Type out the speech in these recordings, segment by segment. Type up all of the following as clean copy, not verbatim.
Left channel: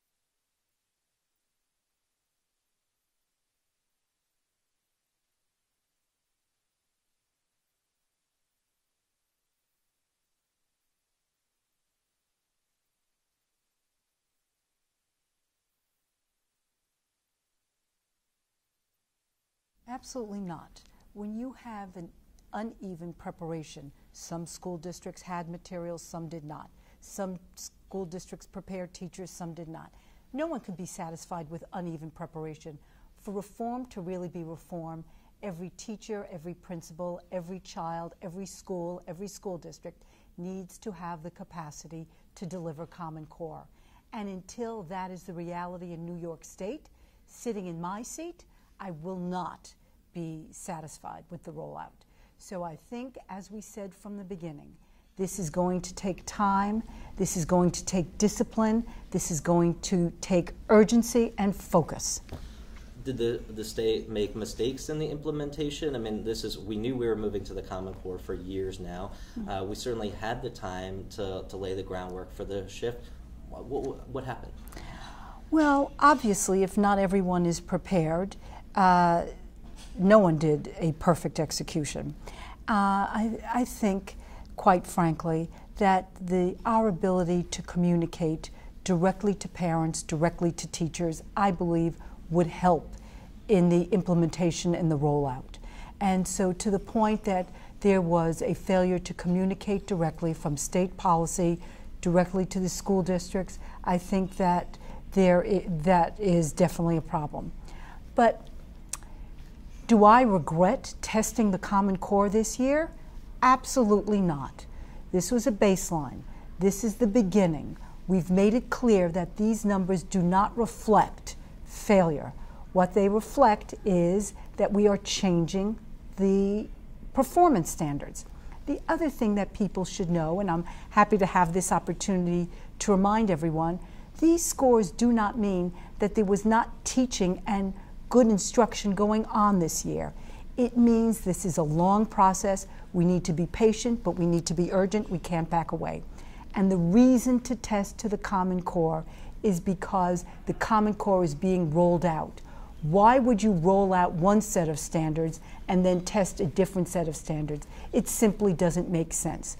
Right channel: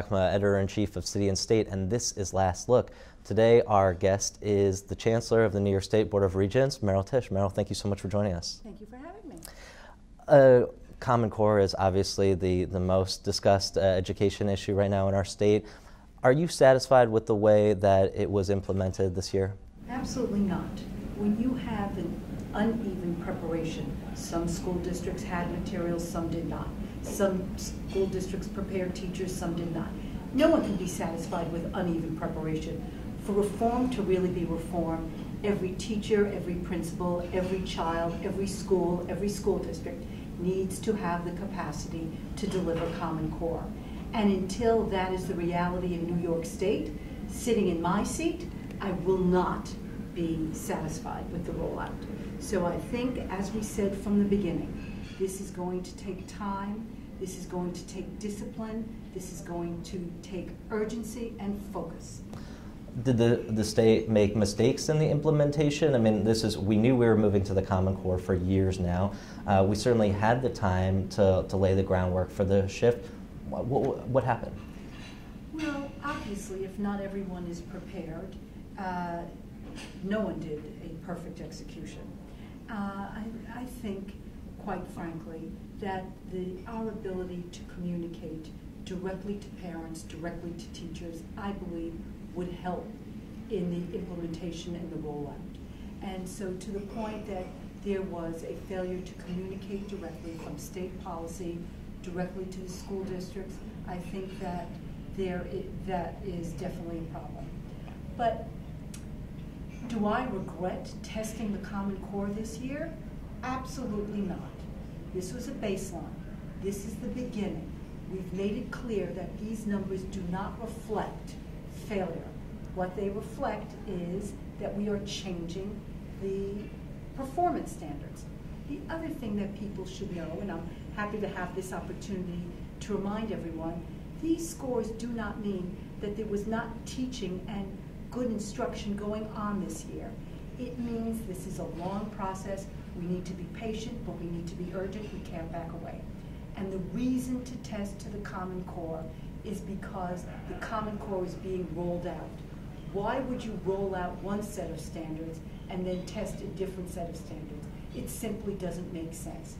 Chakma, Editor-in-Chief of City and State, and this is Last Look. Today, our guest is the Chancellor of the New York State Board of Regents, Meryl Tisch. Meryl, thank you so much for joining us. Thank you for having me. Common Core is obviously the most discussed education issue right now in our state. Are you satisfied with the way that it was implemented this year? Absolutely not. When you have an uneven preparation, some school districts had materials, some did not. Some school districts prepared teachers, some did not. No one can be satisfied with uneven preparation. For reform to really be reform, every teacher, every principal, every child, every school district needs to have the capacity to deliver Common Core. And until that is the reality in New York State, sitting in my seat, I will not be satisfied with the rollout. So I think, as we said from the beginning, this is going to take time, this is going to take discipline, this is going to take urgency and focus. Did the state make mistakes in the implementation? I mean, we knew we were moving to the Common Core for years now. We certainly had the time to lay the groundwork for the shift. What happened? Well, obviously, if not everyone is prepared, no one did a perfect execution. I think, quite frankly, that our ability to communicate directly to parents, directly to teachers, I believe would help in the implementation and the rollout. And so to the point that there was a failure to communicate directly from state policy directly to the school districts, I think that that is definitely a problem. But do I regret testing the Common Core this year? Absolutely not. This was a baseline. This is the beginning. We've made it clear that these numbers do not reflect failure. What they reflect is that we are changing the performance standards. The other thing that people should know, and I'm happy to have this opportunity to remind everyone, these scores do not mean that there was not teaching and good instruction going on this year. It means this is a long process. We need to be patient, but we need to be urgent. We can't back away. And the reason to test to the Common Core is because the Common Core is being rolled out. Why would you roll out one set of standards and then test a different set of standards? It simply doesn't make sense.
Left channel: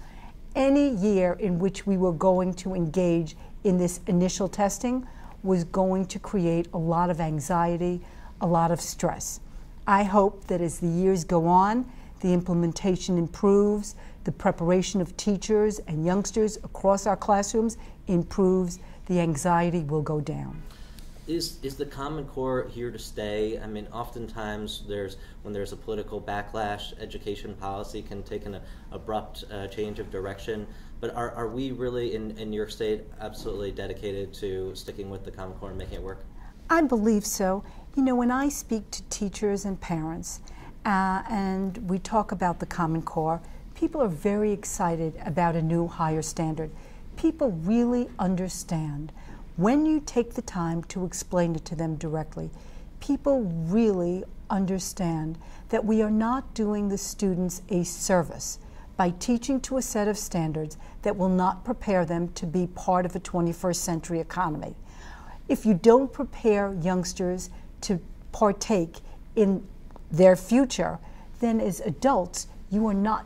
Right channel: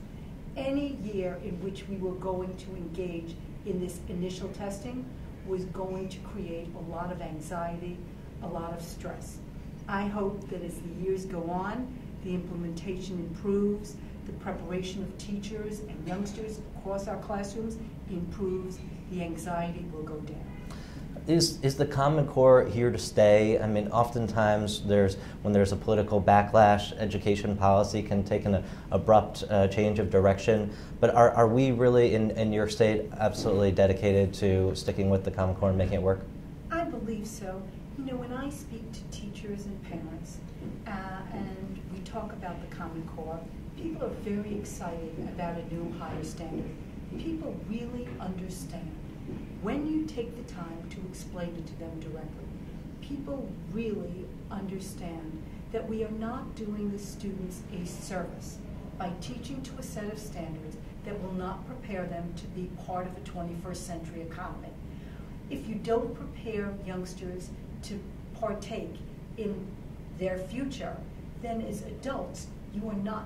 Any year in which we were going to engage in this initial testing was going to create a lot of anxiety, a lot of stress. I hope that as the years go on, the implementation improves, the preparation of teachers and youngsters across our classrooms improves, the anxiety will go down. Is the Common Core here to stay? I mean, oftentimes when there's a political backlash, education policy can take an abrupt change of direction. But are we really in New York State absolutely dedicated to sticking with the Common Core and making it work? I believe so. You know, when I speak to teachers and parents and we talk about the Common Core, people are very excited about a new higher standard. People really understand. When you take the time to explain it to them directly, people really understand that we are not doing the students a service by teaching to a set of standards that will not prepare them to be part of a 21st century economy. If you don't prepare youngsters to partake in their future, then as adults, you are not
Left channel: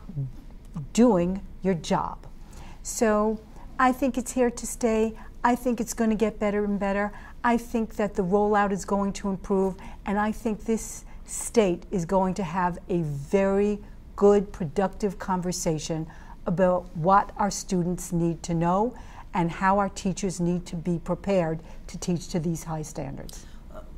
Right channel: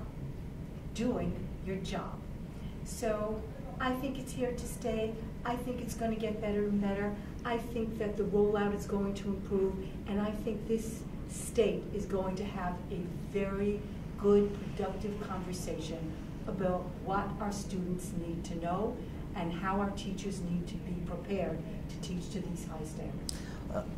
doing your job. So I think it's here to stay. I think it's going to get better and better. I think that the rollout is going to improve, and I think this state is going to have a very good, productive conversation about what our students need to know and how our teachers need to be prepared to teach to these high standards.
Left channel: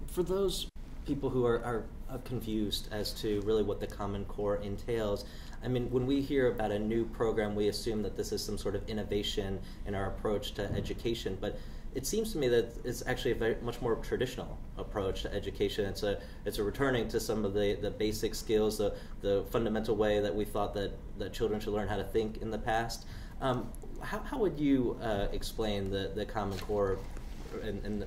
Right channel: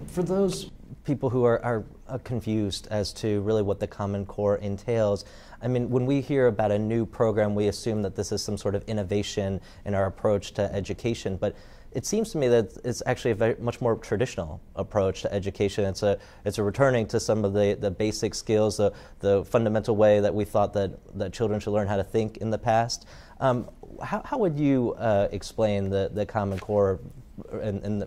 For those people who are confused as to really what the Common Core entails, I mean, when we hear about a new program, we assume that this is some sort of innovation in our approach to education, but it seems to me that it's actually a much more traditional approach to education. It's a returning to some of the basic skills, the fundamental way that we thought that children should learn how to think in the past. How would you explain the Common Core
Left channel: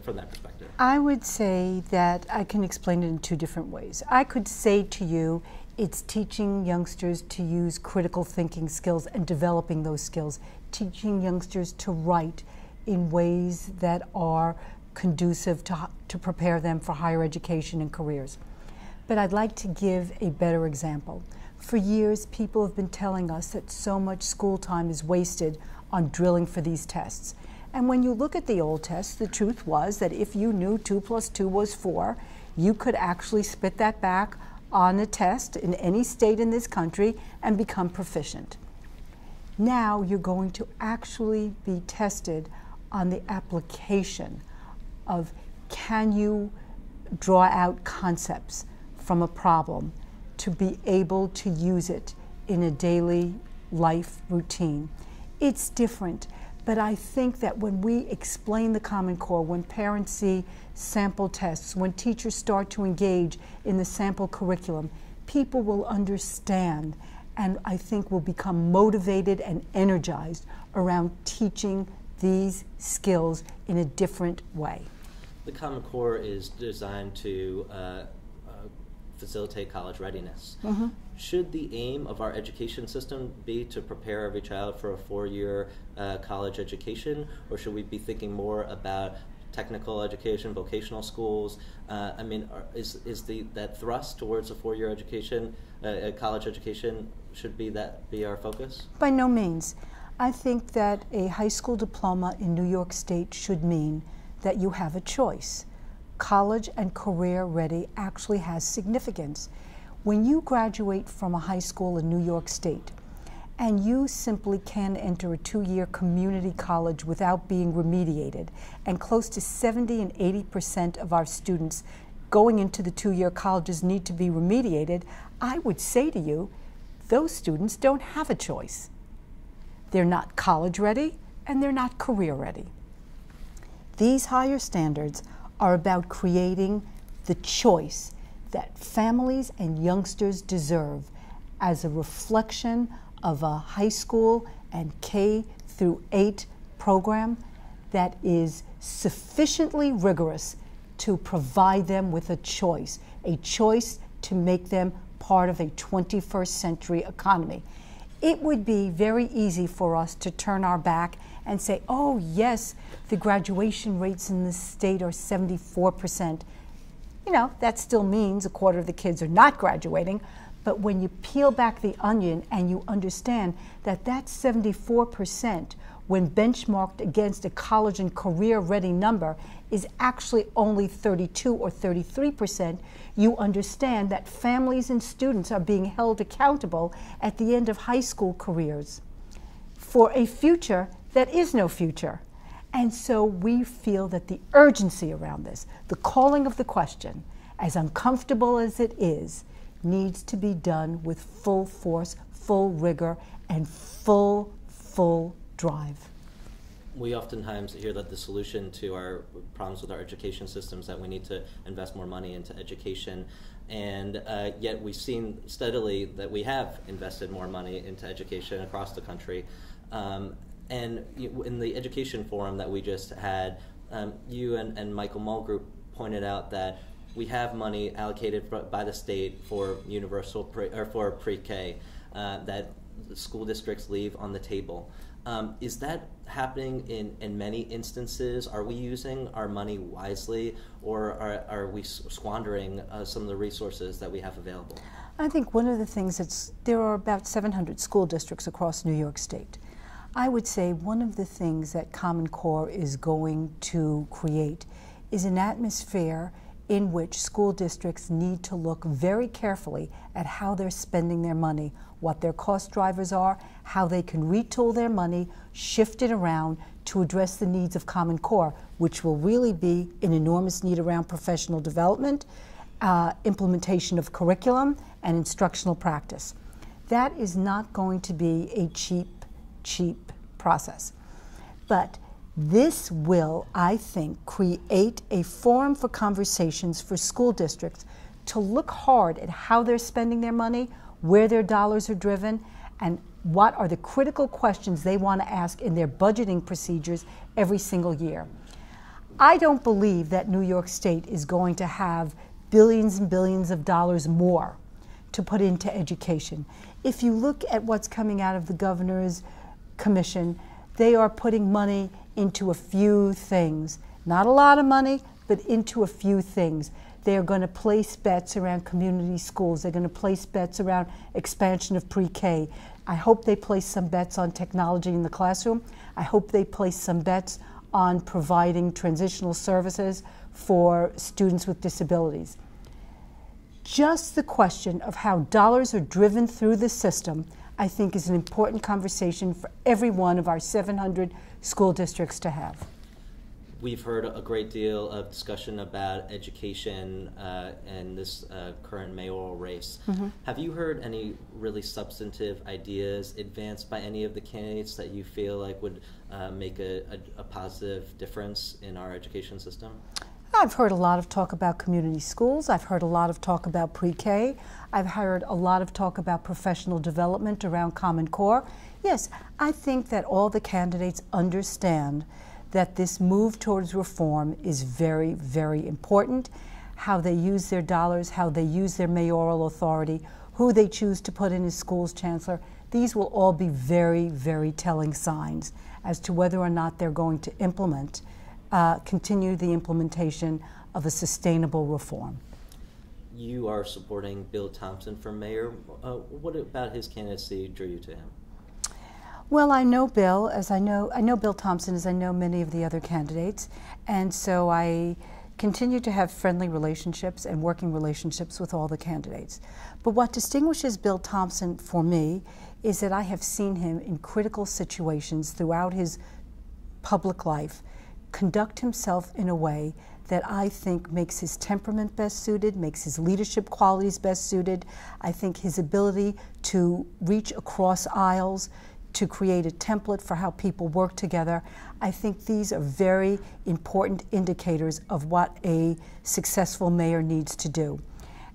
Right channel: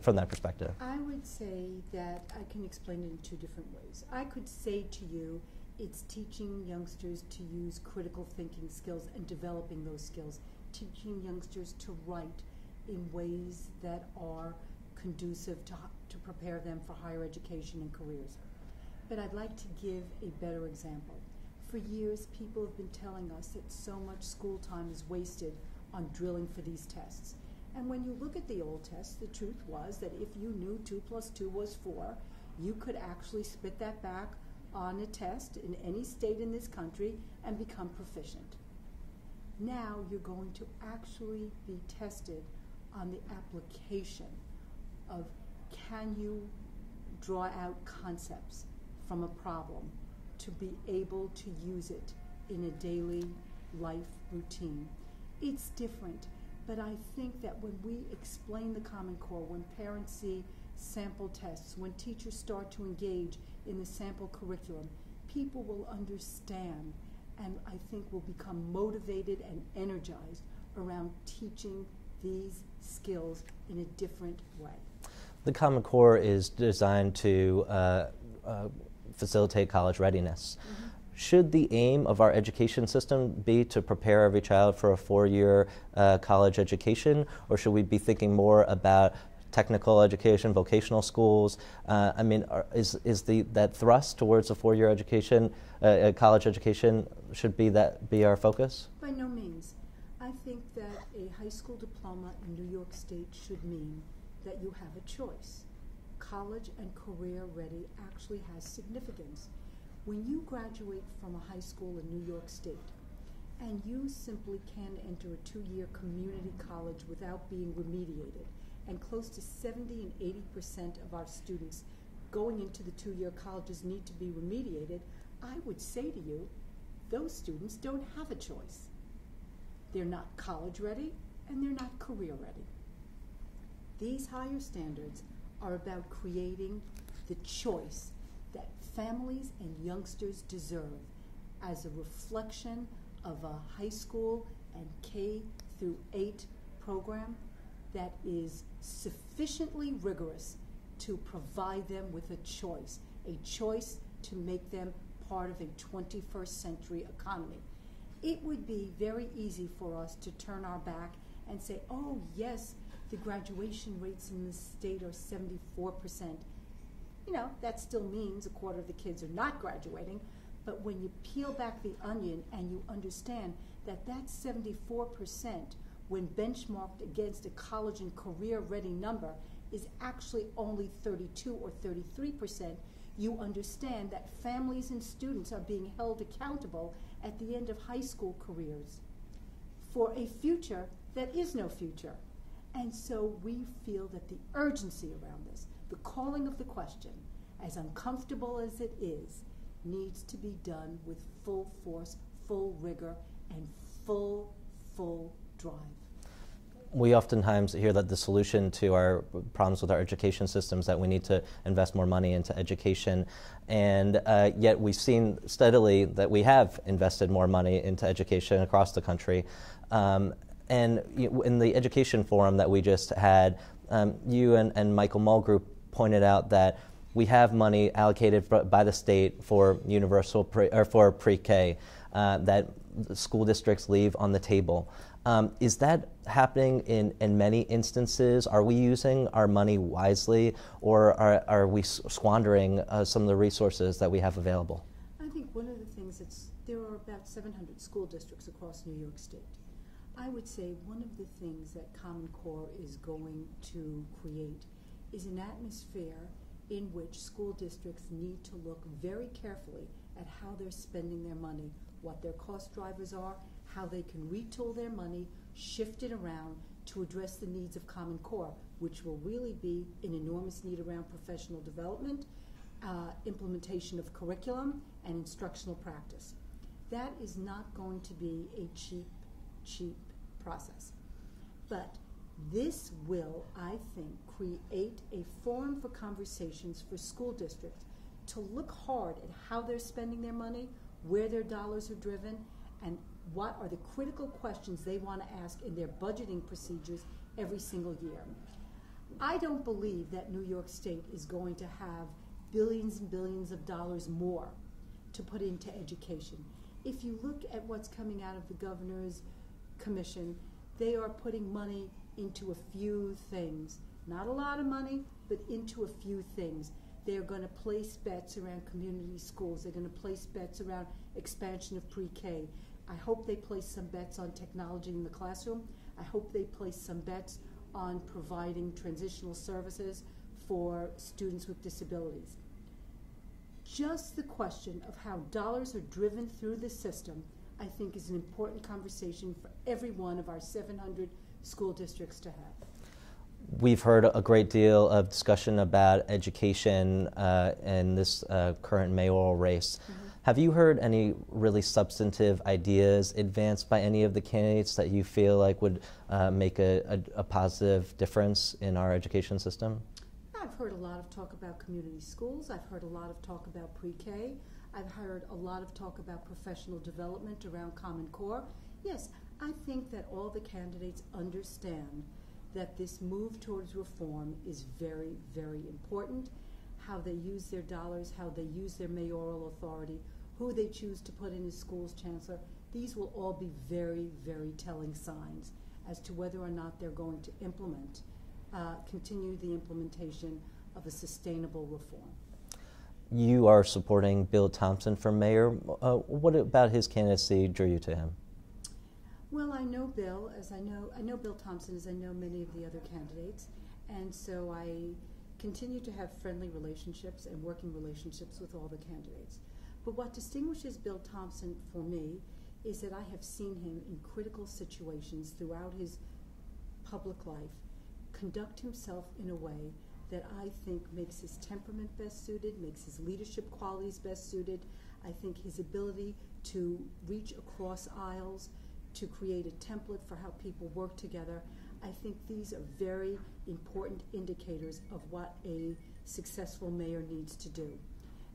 from that perspective? I would say that I can explain it in two different ways. I could say to you, it's teaching youngsters to use critical thinking skills and developing those skills, teaching youngsters to write in ways that are conducive to prepare them for higher education and careers. But I'd like to give a better example. For years, people have been telling us that so much school time is wasted on drilling for these tests. And when you look at the old tests, the truth was that if you knew 2 + 2 was 4, you could actually spit that back on a test in any state in this country and become proficient. Now you're going to actually be tested on the application of, can you draw out concepts from a problem to be able to use it in a daily life routine. It's different, but I think that when we explain the Common Core, when parents see sample tests, when teachers start to engage in the sample curriculum, people will understand and I think will become motivated and energized around teaching these skills in a different way. The Common Core is designed to facilitate college readiness. Mm-hmm. Should the aim of our education system be to prepare every child for a 4-year college education, or should we be thinking more about technical education, vocational schools? I mean, is that thrust towards a 4-year education, college education, should be our focus? By no means. I think that a high school diploma in New York State should mean that you have a choice. College and career ready actually has significance. When you graduate from a high school in New York State and you simply can enter a 2-year community college without being remediated, and close to 70 and 80% of our students going into the 2-year colleges need to be remediated, I would say to you, those students don't have a choice. They're not college ready and they're not career ready. These higher standards are about creating the choice that families and youngsters deserve as a reflection of a high school and K-8 program that is sufficiently rigorous to provide them with a choice to make them part of a 21st century economy. It would be very easy for us to turn our back and say, oh yes, the graduation rates in this state are 74%. You know, that still means a quarter of the kids are not graduating, but when you peel back the onion and you understand that that 74%, when benchmarked against a college and career ready number, is actually only 32 or 33%, you understand that families and students are being held accountable at the end of high school careers for a future that is no future. And so we feel that the urgency around this, the calling of the question, as uncomfortable as it is, needs to be done with full force, full rigor, and full drive. We oftentimes hear that the solution to our problems with our education system is that we need to invest more money into education, and yet we've seen steadily that we have invested more money into education across the country. And in the education forum that we just had, you and Michael Mulgrew pointed out that we have money allocated by the state for universal for pre-K that school districts leave on the table. Is that happening in many instances? Are we using our money wisely, or are we squandering some of the resources that we have available? I think one of the things there are about 700 school districts across New York State. I would say one of the things that Common Core is going to create is an atmosphere in which school districts need to look very carefully at how they're spending their money, what their cost drivers are, how they can retool their money, shift it around to address the needs of Common Core, which will really be an enormous need around professional development, implementation of curriculum, and instructional practice. That is not going to be a cheap process. But this will, I think, create a forum for conversations for school districts to look hard at how they're spending their money, where their dollars are driven, and what are the critical questions they want to ask in their budgeting procedures every single year. I don't believe that New York State is going to have billions and billions of dollars more to put into education. If you look at what's coming out of the governor's commission, they are putting money into a few things, not a lot of money, but into a few things. They're going to place bets around community schools. They're going to place bets around expansion of pre-K. I hope they place some bets on technology in the classroom. I hope they place some bets on providing transitional services for students with disabilities. Just the question of how dollars are driven through the system, I think, is an important conversation for every one of our 700 school districts to have. We've heard a great deal of discussion about education in this current mayoral race. Mm-hmm. Have you heard any really substantive ideas advanced by any of the candidates that you feel like would make a positive difference in our education system? I've heard a lot of talk about community schools. I've heard a lot of talk about pre-K. I've heard a lot of talk about professional development around Common Core. Yes, I think that all the candidates understand that this move towards reform is very, very important. How they use their dollars, how they use their mayoral authority, who they choose to put in as schools chancellor, these will all be very, very telling signs as to whether or not they're going to continue the implementation of a sustainable reform. You are supporting Bill Thompson for mayor. What about his candidacy drew you to him? Well, I know Bill, I know Bill Thompson as I know many of the other candidates, and so I continue to have friendly relationships and working relationships with all the candidates. But what distinguishes Bill Thompson for me is that I have seen him in critical situations throughout his public life conduct himself in a way that I think makes his temperament best suited, makes his leadership qualities best suited. I think his ability to reach across aisles, to create a template for how people work together. I think these are very important indicators of what a successful mayor needs to do.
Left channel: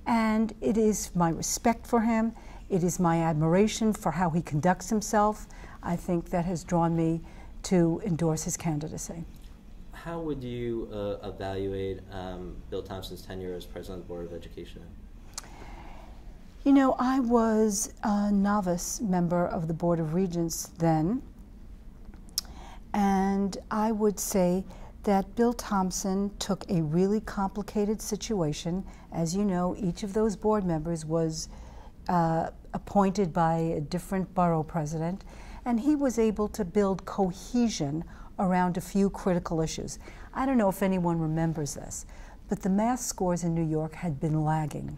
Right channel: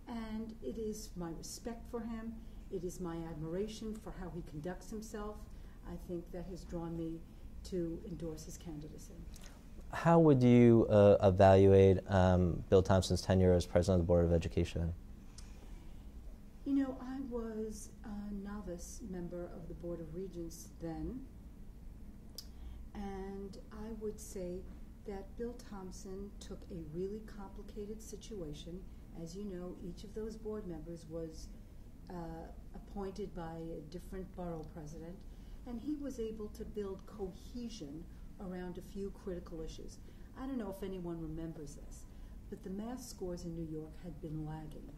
And it is my respect for him, it is my admiration for how he conducts himself, I think that has drawn me to endorse his candidacy. How would you evaluate Bill Thompson's tenure as president of the Board of Education? You know, I was a novice member of the Board of Regents then, and I would say that Bill Thompson took a really complicated situation. As you know, each of those board members was appointed by a different borough president, and he was able to build cohesion around a few critical issues. I don't know if anyone remembers this, but the math scores in New York had been lagging.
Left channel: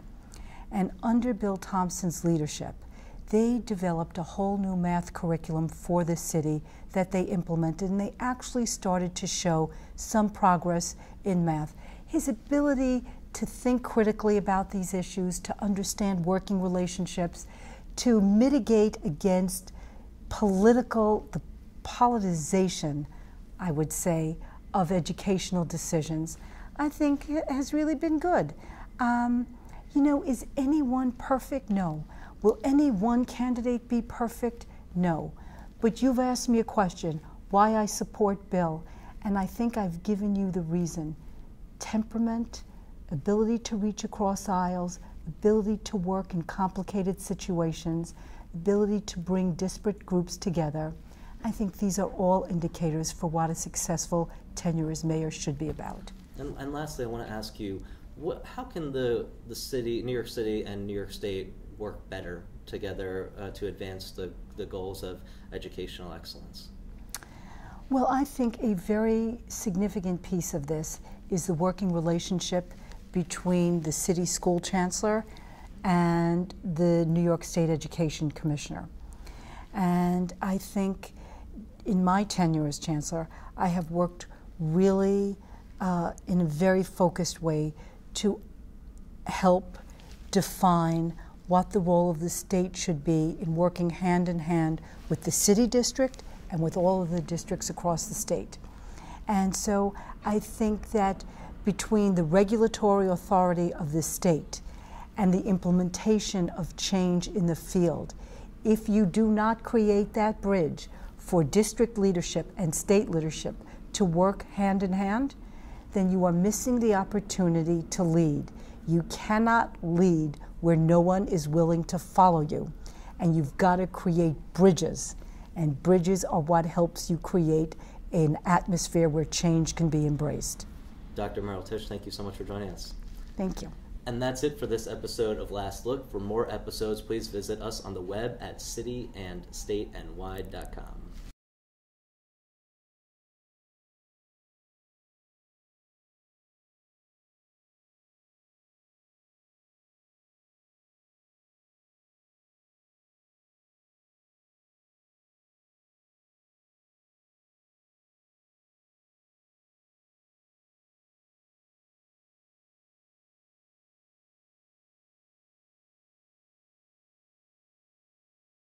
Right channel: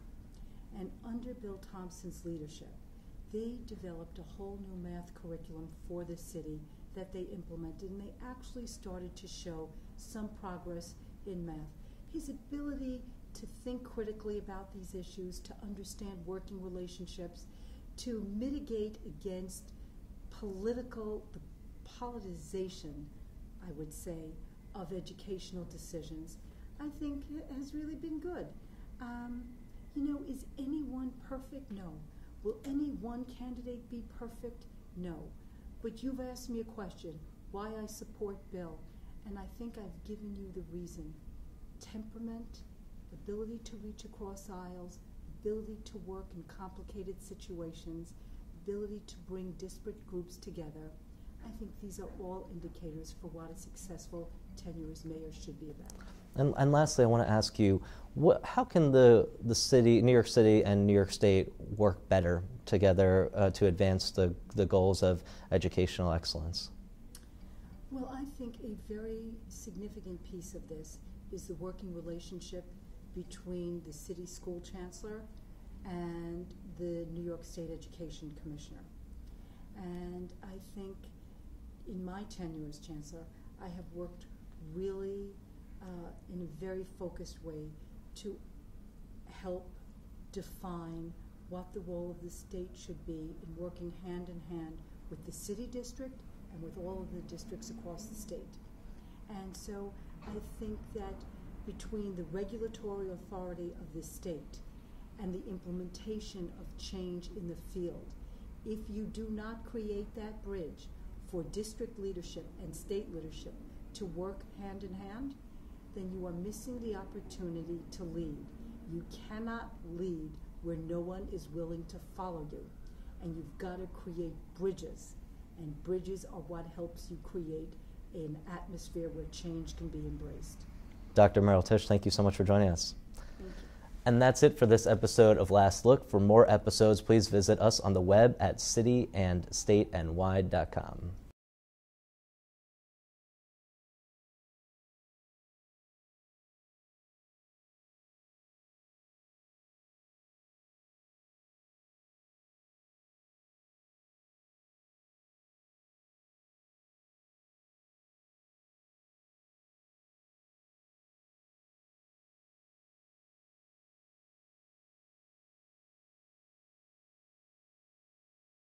And under Bill Thompson's leadership, they developed a whole new math curriculum for the city that they implemented, and they actually started to show some progress in math. His ability to think critically about these issues, to understand working relationships, to mitigate against the politicization, I would say, of educational decisions, I think has really been good. You know, is anyone perfect? No. Will any one candidate be perfect? No. But you've asked me a question, why I support Bill, and I think I've given you the reason. Temperament, ability to reach across aisles, ability to work in complicated situations, ability to bring disparate groups together. I think these are all indicators for what a successful tenure as mayor should be about. And lastly, I want to ask you, how can the city, New York City and New York State work better together to advance the goals of educational excellence? Well, I think a very significant piece of this is the working relationship between the city school chancellor and the New York State Education Commissioner. And I think in my tenure as chancellor, I have worked really in a very focused way to help define what the role of the state should be in working hand in hand with the city district and with all of the districts across the state. And so I think that between the regulatory authority of the state and the implementation of change in the field, if you do not create that bridge for district leadership and state leadership to work hand in hand, then you are missing the opportunity to lead. You cannot lead where no one is willing to follow you. And you've got to create bridges. And bridges are what helps you create an atmosphere where change can be embraced. Dr. Meryl Tisch, thank you so much for joining us. Thank you. And that's it for this episode of Last Look. For more episodes, please visit us on the web at cityandstateny.com.